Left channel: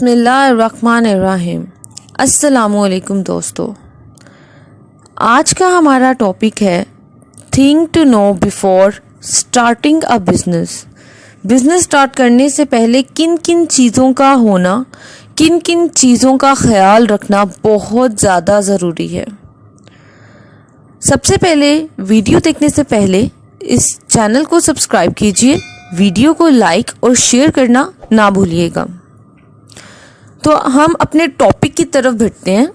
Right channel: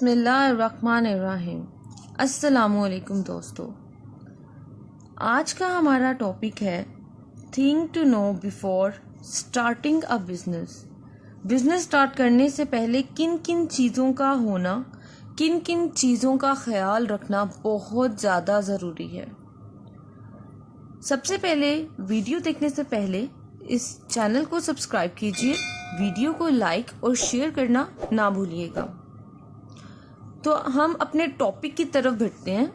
बिस्मिल्लाहिर्रहमानिर्रहीम। अस्सलामुअलैकुम दोस्तों, आज का हमारा टॉपिक है thing to know before starting a business. Business start करने से पहले किन किन चीज़ों का होना, किन किन चीज़ों का ख्याल रखना बहुत ज़्यादा ज़रूरी है। सबसे पहले वीडियो देखने से पहले इस चैनल को सब्सक्राइब कीजिए, वीडियो को लाइक और शेयर करना ना भूलिएगा। तो हम अपने टॉपिक की तरफ बढ़ते हैं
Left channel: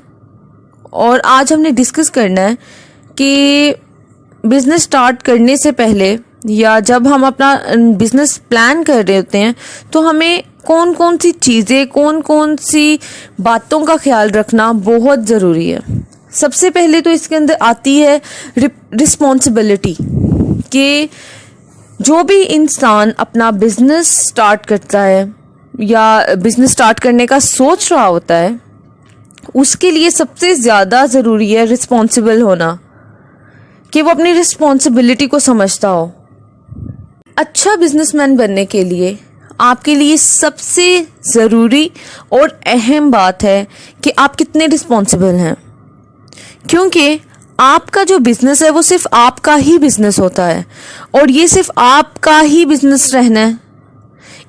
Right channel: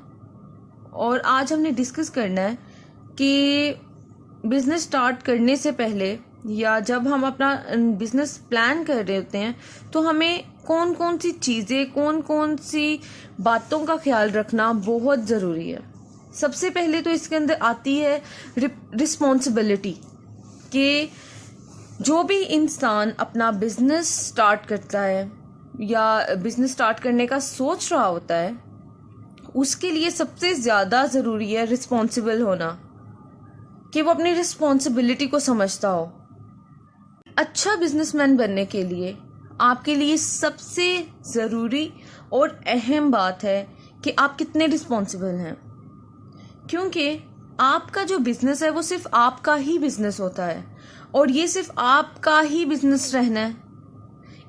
और आज हमने डिस्कस करना है कि बिज़नेस स्टार्ट करने से पहले या जब हम अपना बिज़नेस प्लान कर रहे होते हैं तो हमें कौन कौन सी चीज़ें, कौन कौन सी बातों का ख्याल रखना बहुत ज़रूरी है। सबसे पहले तो इसके अंदर आती है रिस्पॉन्सिबिलिटी कि जो भी इंसान अपना बिज़नेस स्टार्ट करता है या बिज़नेस स्टार्ट करने का सोच रहा होता है, उसके लिए सबसे ज़्यादा ज़रूरी है रिस्पॉन्सिबल होना, कि वो अपनी रिस्पॉन्सिबिलिटी को समझता हो। अच्छा बिजनेसमैन बनने के लिए आपके लिए सबसे ज़रूरी और अहम बात है कि आप कितने रिस्पॉन्सिबल हैं, क्योंकि आपका जो बिज़नेस है वो सिर्फ आपका ही बिज़नेस होता है और ये सिर्फ आपका ही बिज़नेस रहना है।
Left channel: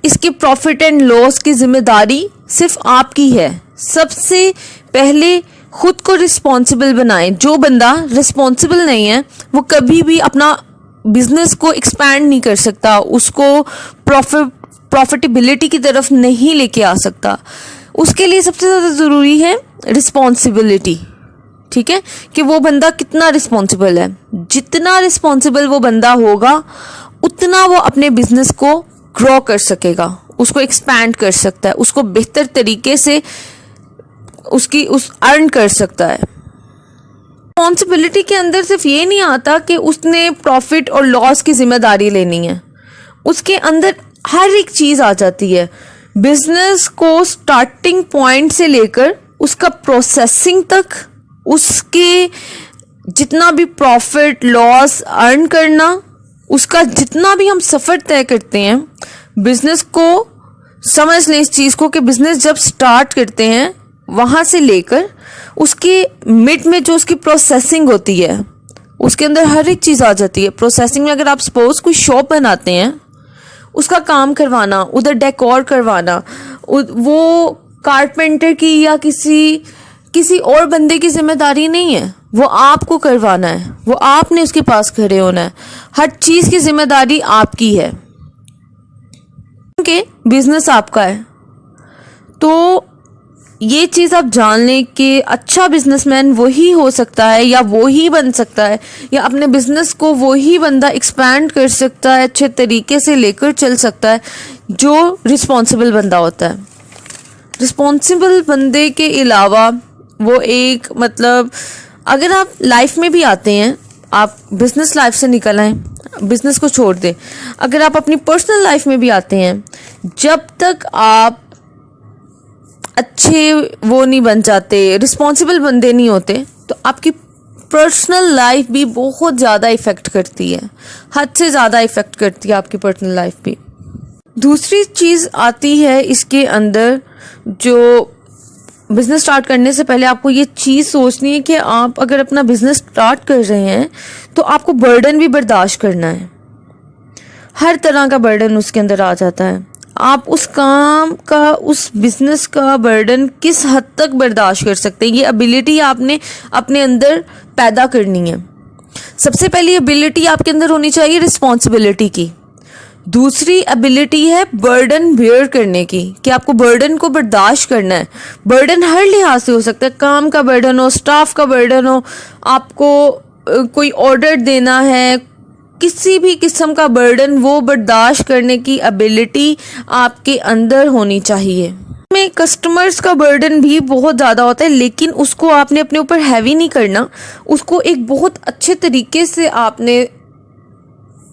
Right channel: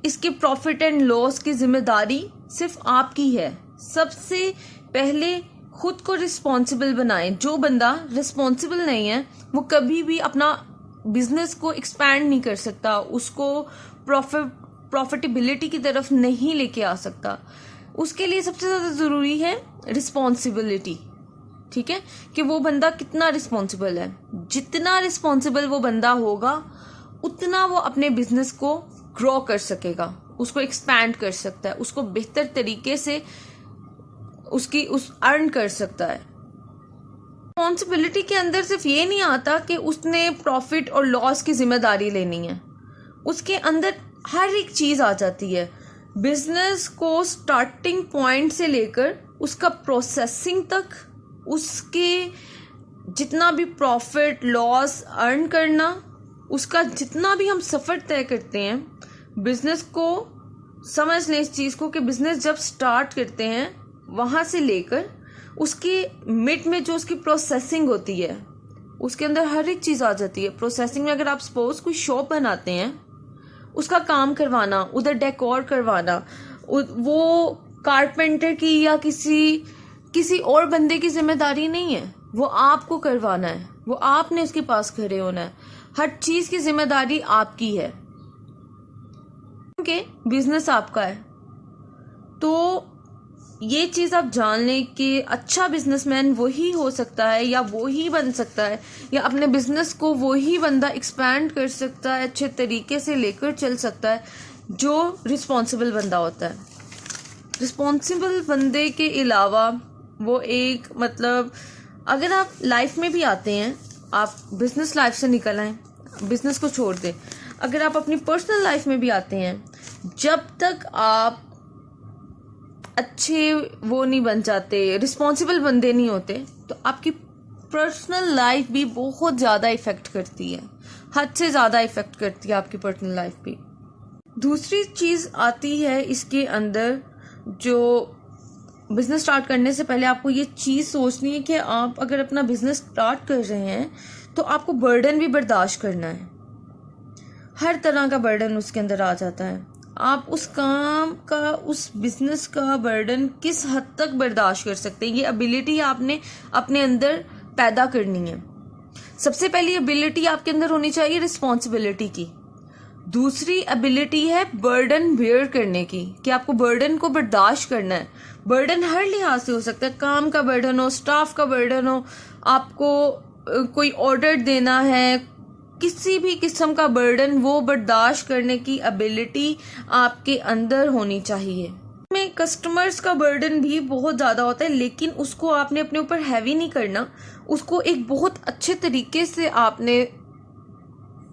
इसके प्रॉफिट एंड लॉस की जिम्मेदारी सिर्फ आपकी है। सबसे पहले खुद को रिस्पॉन्सिबल बनाएं। जो बंदा रिस्पॉन्सिबल नहीं है वो कभी भी अपना बिजनेस को एक्सपैंड नहीं कर सकता, उसको प्रॉफिटेबिलिटी की तरफ नहीं लेके आ सकता। उसके लिए सबसे ज़्यादा ज़रूरी है रिस्पॉन्सिबिलिटी। ठीक है, कि वो बंदा कितना रिस्पॉन्सिबल है। जितना रिस्पॉन्सिबल वो बंदा होगा उतना वो अपने बिजनेस को ग्रो कर सकेगा, उसको एक्सपैंड कर सकता है, उसको बेहतर तरीके से अर्न कर सकता है। रिस्पॉन्सिबिलिटी के अंदर सिर्फ ये नहीं आता कि उसने प्रॉफिट और लॉस की जिम्मेदारी लेनी है, उसके अंदर हर एक चीज़ आ जाती है। बिजनेस को स्टार्टिंग पॉइंट से लेकर उसका प्रोसेसिंग तक, उसके जितना भी प्रॉफिट लॉस अर्न करना, उसका जितना भी हम सफ़र तय करते हैं बिज़नेस को, समझ लें इस चीज़ को कि बिज़नेस जब स्टार्ट करते हैं वहाँ से लेकर उसके मिड में जो उसकी प्रोसेसिंग होती है उसके अंदर हर एक चीज़ आ जाती है। प्रोसेसिंग में अगर आप सपोज कोई शॉप बनाते हैं, उसका काम करवाना, उधर डेकोर करवाना, वो कारपेंटर की या किसी और बंदे की जिम्मेदारी नहीं है, वो आपको करवाना है, वो आपने उसके पास खड़े होना है। हर चीज़ की जिम्मेदारी आपकी है क्योंकि बिजनेस आपका है। तो ये चीज़ आप जान लें कि अच्छा बिजनेसमैन वही हो सकता है या वो ही बन सकता है, या अपने बिजनेस को वही बंदा एक्सपैंड कर सकता है, अच्छे तरीके से लेकर चल सकता है जो रिस्पॉन्सिबल बंदा होता है। रिस्पॉन्सिबल बंदे के अलावा वो एक अगर आप लाइफ में भी आते हैं, आप बिजनेस लाइफ से निकल आए, बिजनेस को छोड़ दें, अगर आप अपनी पर्सनल लाइफ में भी आते हैं, जब तक आप अच्छे वो नहीं बन जाते, रिस्पॉन्सिबल बंदे नहीं होते, तो आपकी पर्सनल लाइफ भी बहुत ज़्यादा इफ़ेक्ट करती है, हद से ज़्यादा इफ़ेक्ट करती है आपकी पर्सनल लाइफ भी। दूसरी चीज़ आती है इसके अंदर, जो बिज़नेस स्टार्ट करने से पहले आपको ये चीज़ सोचनी है कि आप अगर अपना बिज़नेस स्टार्ट कर रहे हैं तो आपको बर्डन भी बर्दाश्त करना है। हर तरह का बर्डन उसके अंदर आ जाता है। आप उस काम का, उस बिज़नेस का बर्डन किस हद तक बर्दाश्त कर सकते हैं, ये एबिलिटी आपने अपने अंदर पैदा करनी है। सबसे पहली एबिलिटी आपके अंदर होनी चाहिए रिस्पॉन्सिबिलिटी की। दूसरी एबिलिटी है बर्डन बेयर करने की, कि आपको बर्डन को बर्दाश्त करना है। बर्डन हर लिहाज से हो सकता है, काम का बर्डन हो, स्टाफ का बर्डन हो, आपको कोई ऑर्डर देना है, किसी भी किस्म का बर्डन, वो बर्दाश्त करने की एबिलिटी आपके अंदर होनी चाहिए। में कस्टमर्स का बर्डन भी बहुत ज़्यादा होता है, लेकिन उसको आपने अपने ऊपर हैवी नहीं करना, उसको एक बहुत अच्छे तरीके से आपने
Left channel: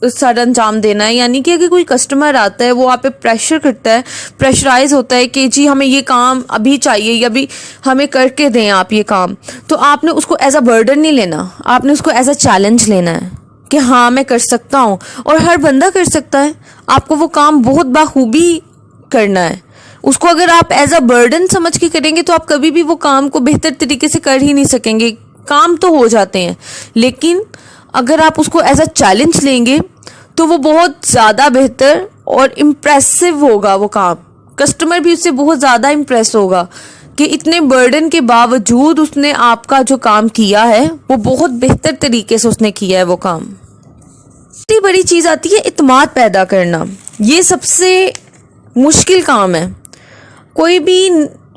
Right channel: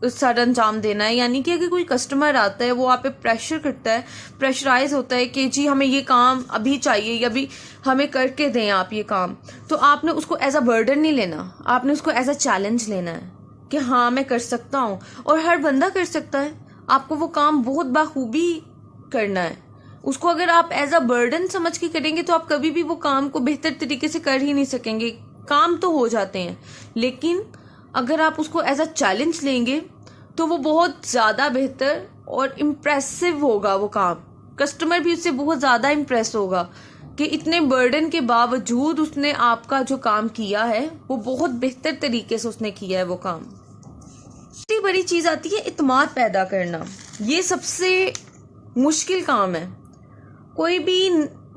सर अंजाम देना है। यानी कि अगर कोई कस्टमर आता है, वो आप पे प्रेशर करता है, प्रेशराइज होता है कि जी हमें ये काम अभी चाहिए या अभी हमें करके दें आप ये काम, तो आपने उसको एज अ बर्डन नहीं लेना, आपने उसको एज अ चैलेंज लेना है कि हाँ मैं कर सकता हूँ। और हर बंदा कर सकता है, आपको वो काम बहुत बाखूबी करना है, اس کو اگر آپ ایز اے برڈن سمجھ کے کریں گے تو آپ کبھی بھی وہ کام کو بہتر طریقے سے کر ہی نہیں سکیں گے. کام تو ہو جاتے ہیں لیکن اگر آپ اس کو ایز اے چیلنج لیں گے تو وہ بہت زیادہ بہتر اور امپریسو ہوگا. وہ کام کسٹمر بھی اس سے بہت زیادہ امپریس ہوگا کہ اتنے برڈن کے باوجود اس نے آپ کا جو کام کیا ہے وہ بہت بہتر طریقے سے اس نے کیا ہے وہ کام. دوسری بڑی چیز آتی ہے اعتماد پیدا کرنا. یہ سب سے مشکل کام ہے. کوئی بھی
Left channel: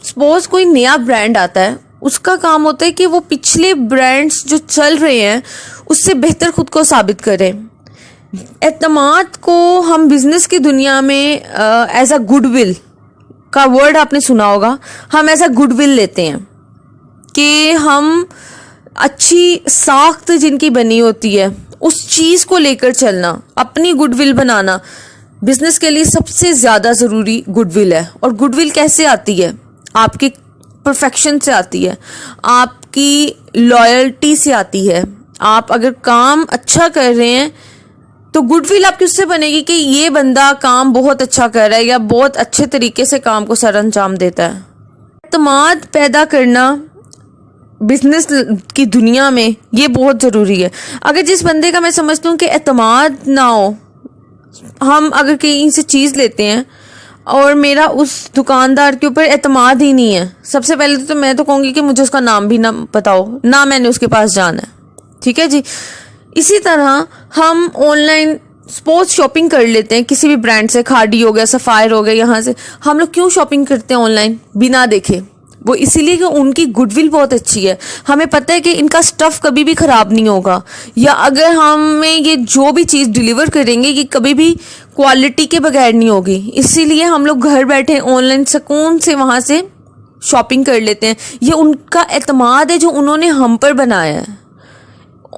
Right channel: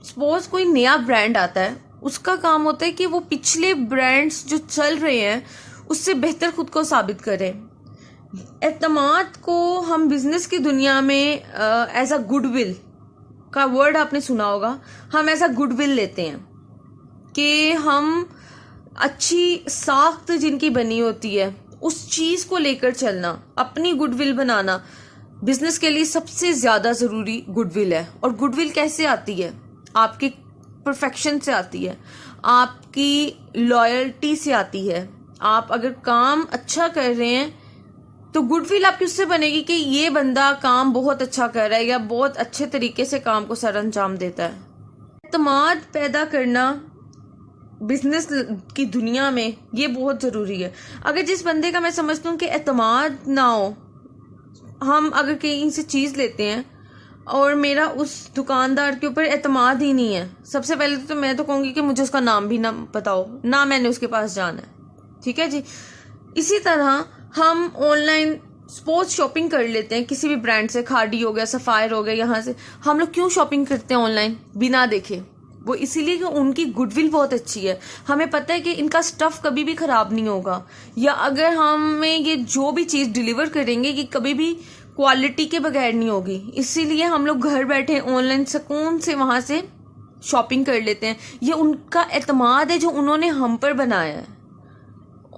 سپوز کوئی نیا برانڈ آتا ہے, اس کا کام ہوتا ہے کہ وہ پچھلے برانڈز جو چل رہے ہیں اس سے بہتر خود کو ثابت کرے. اعتماد کو ہم بزنس کی دنیا میں ایز اے گڈ ول کا ورڈ آپ نے سنا ہوگا, ہم ایز اے گڈ ول لیتے ہیں کہ ہم اچھی ساخت جن کی بنی ہوتی ہے اس چیز کو لے کر چلنا, اپنی گڈ ول بنانا بزنس کے لیے سب سے زیادہ ضروری گڈ ول ہے. اور گڈ ول کیسے آتی ہے؟ آپ کی پرفیکشن سے آتی ہے, آپ کی لائلٹی سے آتی ہے. آپ اگر کام اچھا کر رہے ہیں تو گڈ ول آپ کی اس سے بنے گی کہ یہ بندہ کام بہت اچھا کر رہا ہے یا بہت اچھے طریقے سے کام کو سر انجام دیتا ہے. اعتماد پیدا کرنا بزنس کی دنیا میں یہ بہت ضروری ہے. اگر جس بندے کا میں سمجھتا ہوں کہ اعتماد نہ ہو, ہم اگر کہیں سے چیز لیتے ہیں اور میرا اس دکاندار کے اوپر اعتماد ہی نہیں ہے, سب سے پہلے تو میں تو کہوں گی کہ مجھے اس کا نام بھی نہ پتا ہو, نہ میں نے اس کے پاس جانا ہے. ٹھیک ہے جی. اسی طرح ہم آن لائن سپوز شاپنگ کر لیتے ہیں کسی بھی برانڈ سے, کھاڑی ہو گیا, سفائر ہو گیا, یہاں سے ہم لوگ کیوں شاپنگ کرتے ہیں آن لائن بنا دیکھے؟ وہ اسی لیے کہ ان کی گڈ ول بہت اچھی ہے, ہمیں پتہ ہے کہ ان کا سٹف کبھی بھی خراب نہیں ہوگا, یا اگر ہمیں یہ جو بھی چیز ڈیلیور کریں گے یہ کبھی بھی کوالٹی کے بغیر نہیں ہوگی. اسی لیے ہم لوگ گھر بیٹھے آن لائن سکون سے وہاں سے شاپنگ کر لیتے ہیں. یہ ان کا اعتماد ہے جو انہوں نے ہم پر بنایا ہے.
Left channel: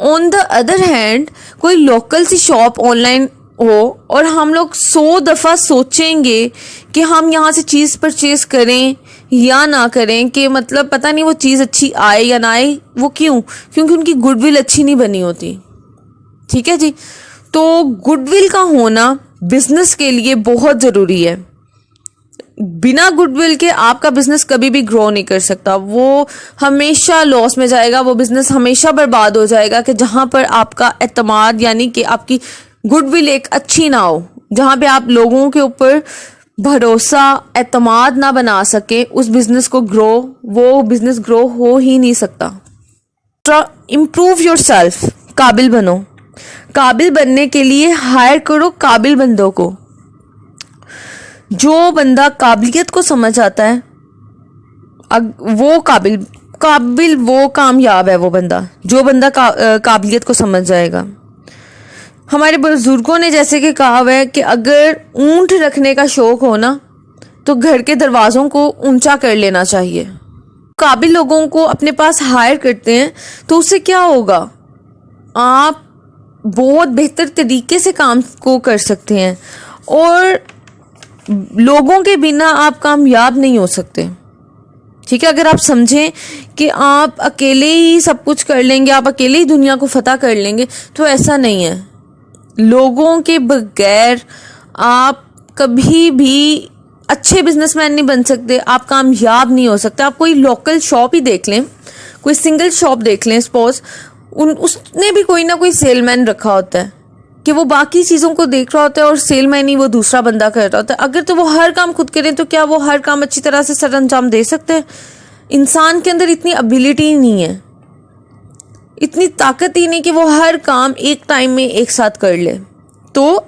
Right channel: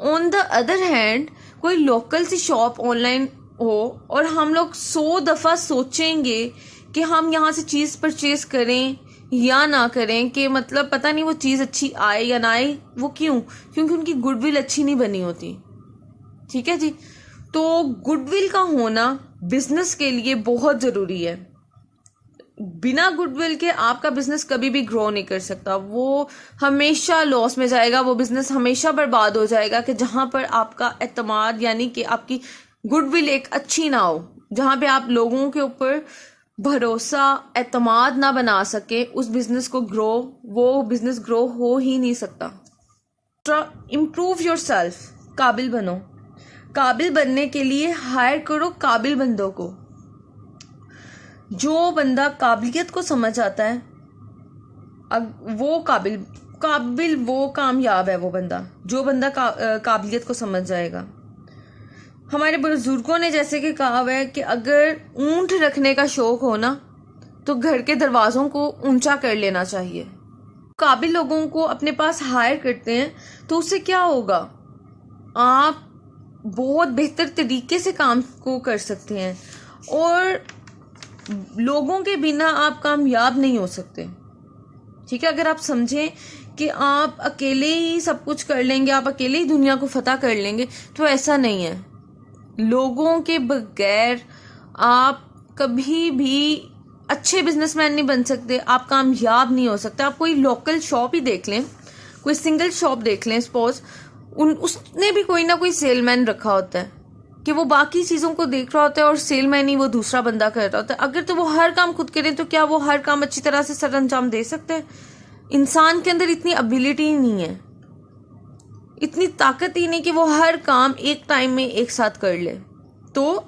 آن دا ادر ہینڈ کوئی لوکل سی شاپ آن لائن ہو اور ہم لوگ 100 دفعہ سوچیں گے کہ ہم یہاں سے چیز پرچیز کریں یا نہ کریں, کہ مطلب پتہ نہیں وہ چیز اچھی آئے یا نہ آئے. وہ کیونکہ ان کی گڈ ول اچھی نہیں بنی ہوتی. ٹھیک ہے جی. تو گڈ ول کا ہونا بزنس کے لیے بہت ضروری ہے. بنا گڈ ول کے آپ کا بزنس کبھی بھی گرو نہیں کر سکتا, وہ ہمیشہ لاس میں جائے گا, وہ بزنس ہمیشہ برباد ہو جائے گا. کہ جہاں پر آپ کا اعتماد یعنی کہ آپ کی گڈ ول ایک اچھی نہ ہو, جہاں پہ آپ لوگوں کے اوپر بھروسہ اعتماد نہ بنا سکے, اس بزنس کو وہ بزنس گرو ہو ہی نہیں سکتا. امپروو یور سیلف, قابل بنو. قابل بننے کے لیے ہائر کرو قابل بندوں کو. جو بندہ قابلیت کو سمجھ آتا ہے وہ قابل وہ کامیاب ہے. وہ بندہ قابلیت کو سمجھ جائے گا. ہمارے بزرگوں نے جیسے کہ کہا ہے کہ اگر اونٹ رکھنے کا شوق ہو نا تو گھر کے دروازوں کو اونچا کر لینا چاہیے. قابل لوگوں کو اپنے پاس ہائر کرتے ہیں تو اس سے کیا ہوگا, آپ بہت بہتر طریقے سے کام کو کر سکتے ہیں, اور لوگوں کے بنا آپ کامیاب نہیں ہو سکتے. ٹھیک ہے. اگر آپ سمجھیں کہ آپ اکیلے ہی سب کچھ کر لیں گے, آپ اکیلے ہی دنیا کو فتح کر لیں گے, تو ایسا نہیں ہے. لوگوں کے بغیر آپ کبھی بھی اچھے بزنس مین نہیں بن سکتے, آپ کامیاب نہیں ہو سکتے. آپ کوئی لوکل شاپ ہی دیکھ لیں, کوئی سنگل شاپ دیکھ لیں سپوز, اس نے بھی کوئی نہ کوئی سیل مین رکھا ہوتا ہے کہ وہ باقی چیزوں کو دیکھ رہا ہوتا ہے اور سیل مین ہی وہ دوسرا بندہ کر رہا ہوتا ہے. اگر تو وہ ہر کام خود کریں تو کیا وہ ہر کام اچھی طرح سے سر انجام دے سکتے ہیں؟ انسان کے اندر اتنی ابیلٹی نہیں ہے, اتنی طاقت ہی نہیں کہ وہ ہر کام ایک ٹائم میں ایک ساتھ کر لے. تو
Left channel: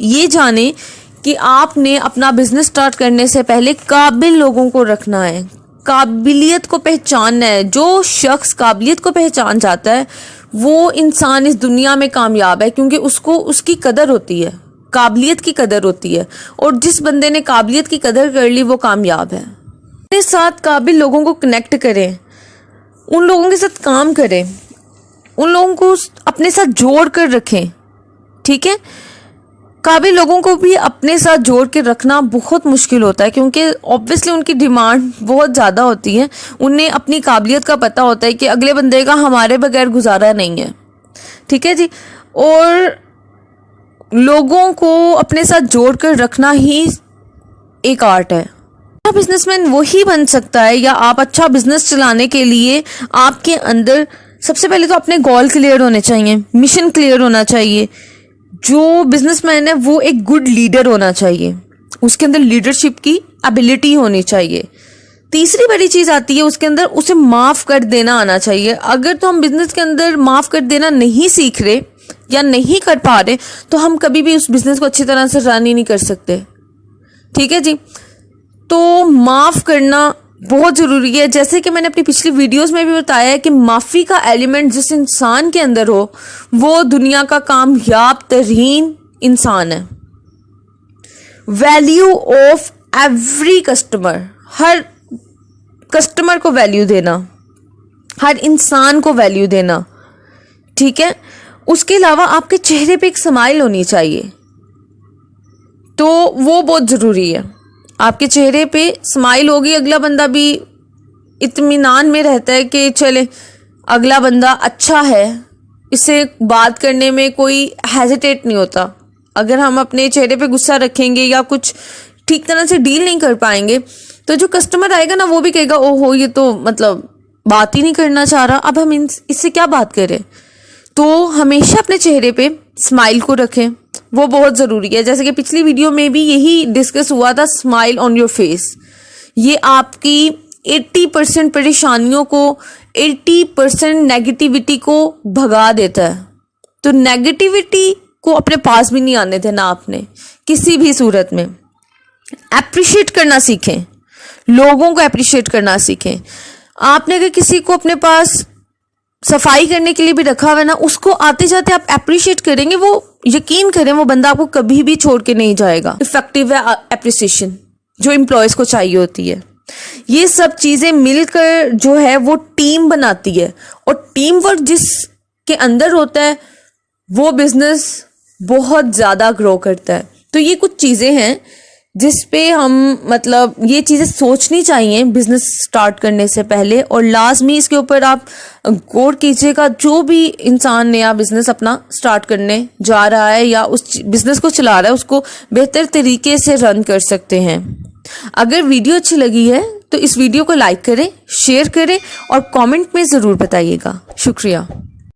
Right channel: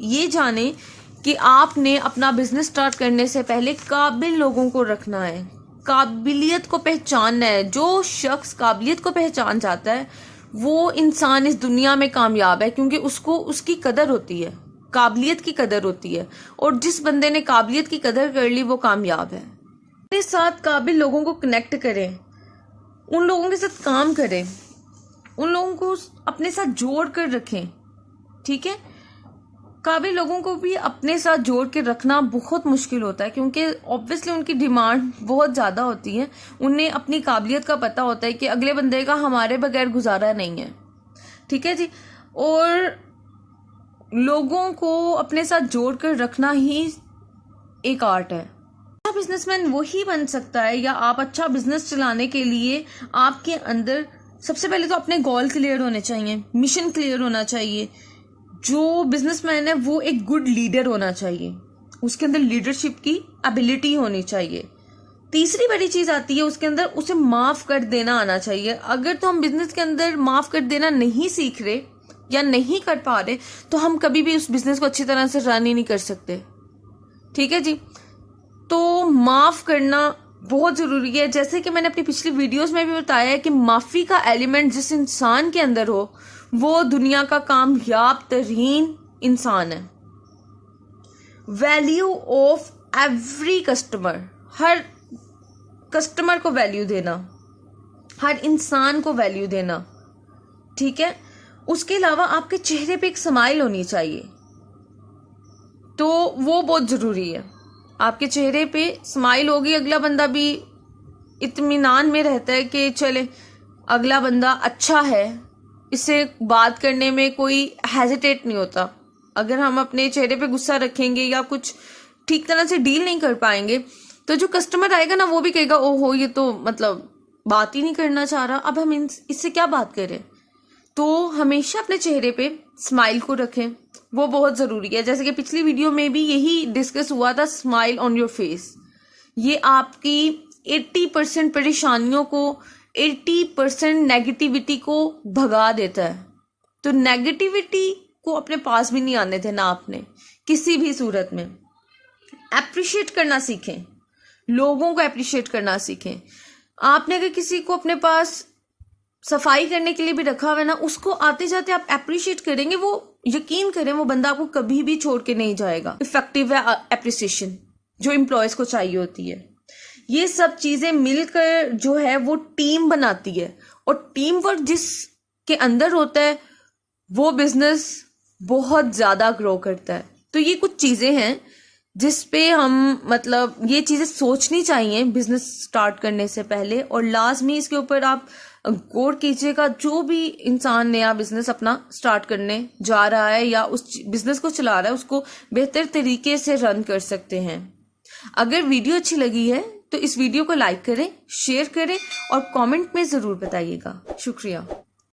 یہ جانیں کہ آپ نے اپنا بزنس سٹارٹ کرنے سے پہلے قابل لوگوں کو رکھنا ہے, قابلیت کو پہچاننا ہے. جو شخص قابلیت کو پہچان جاتا ہے وہ انسان اس دنیا میں کامیاب ہے, کیونکہ اس کو اس کی قدر ہوتی ہے, قابلیت کی قدر ہوتی ہے. اور جس بندے نے قابلیت کی قدر کر لی وہ کامیاب ہے. اپنے ساتھ قابل لوگوں کو کنیکٹ کریں, ان لوگوں کے ساتھ کام کریں, ان لوگوں کو اپنے ساتھ جوڑ کر رکھیں. ٹھیک ہے. قابل لوگوں کو بھی اپنے ساتھ جوڑ کے رکھنا بہت مشکل ہوتا ہے, کیونکہ اوبویسلی ان کی ڈیمانڈ بہت زیادہ ہوتی ہے. انہیں اپنی قابلیت کا پتہ ہوتا ہے کہ اگلے بندے کا ہمارے بغیر گزارا نہیں ہے. ٹھیک ہے جی. اور لوگوں کو اپنے ساتھ جوڑ کر رکھنا ہی ایک آرٹ ہے. बिजनेसमैन वही बन सकता है, या आप अच्छा बिजनेस चलाने के लिए आपके अंदर सबसे पहले तो अपने गोल क्लियर होने चाहिए, मिशन क्लियर होना चाहिए। जो बिजनेसमैन है वो एक गुड लीडर होना चाहिए, उसके अंदर लीडरशिप की एबिलिटी होनी चाहिए। तीसरी बड़ी चीज़ आती है उसके अंदर उसे माफ़ कर देना आना चाहिए। अगर तो हम बिजनेस के अंदर माफ़ कर देना नहीं सीख रहे या नहीं कर पा रहे तो हम कभी भी उस बिज़नेस को अच्छी तरह से रन ही नहीं कर सकते। ठीक है जी, तो माफ़ करना बहुत ज़रूरी है। जैसे कि मैंने अपनी पिछली वीडियोस में भी बताया है कि माफ़ी का एलिमेंट जिस इंसान के अंदर हो वो दुनिया का कामयाब तरीन इंसान है। Value of every customer, her customer को वैल्यू देना, हर इंसान को वैल्यू देना। ठीक है, उसके अलावा आपके चेहरे पे एक स्माइल होनी चाहिए, तो वो बहुत ज़रूरी है। आपके चेहरे पे स्माइल होगी, अगला बंदा भी इत्मीनान में रहता है कि चले अगला बंदा अच्छा है, इससे बात करने में कोई हेजिटेट नहीं होता। अगर हम अपने चेहरे पे गुस्सा रखेंगे या कुछ ठीक तरह से डील नहीं कर पाएंगे तो जो कस्टमर आएगा ना वो भी कहेगा ओहो ये तो मतलब बात ही नहीं करना चाह रहा, अब हम इससे क्या बात करें। तो हमेशा अपने चेहरे पे स्माइल को रखें, वो बहुत ज़रूरी है। जैसे कि पिछली वीडियो में भी यही डिस्कस हुआ था, स्माइल ऑन योर फेस। ये आपकी 80% परेशानियों को, 80% नेगेटिविटी को भगा देता है। तो नेगेटिविटी को अपने पास भी नहीं आने देना आपने किसी भी सूरत में। एप्रिशिएट करना सीखें, लोगों को एप्रिशिएट करना सीखें। आपने अगर किसी को अपने पास सफाई करने के लिए भी रखा हुआ है ना, उसको आते जाते आप एप्रिशिएट करेंगे, वो यकीन करें वो बंदा आपको कभी भी छोड़ के नहीं जाएगा। इफेक्टिव है एप्रिसिएशन जो एम्प्लॉयज़ को चाहिए होती है। ये सब चीज़ें मिलकर जो है वो टीम बनाती है, और टीम वर्क जिसके अंदर होता है वो बिजनेस बहुत ज़्यादा ग्रो करता है। तो ये कुछ चीज़ें हैं जिस पे हम मतलब ये चीज़ें सोचनी चाहिए बिज़नेस स्टार्ट करने से पहले, और लाजमी इसके ऊपर आप गौर कीजिएगा। जो भी इंसान नया बिज़नेस अपना स्टार्ट करने जा रहा है या उस बिज़नेस को चला रहा है उसको बेहतर तरीके से रन कर सकते हैं। अगर वीडियो अच्छी लगी है तो इस वीडियो को लाइक करें, शेयर करें और कमेंट में ज़रूर बताइएगा। शुक्रिया।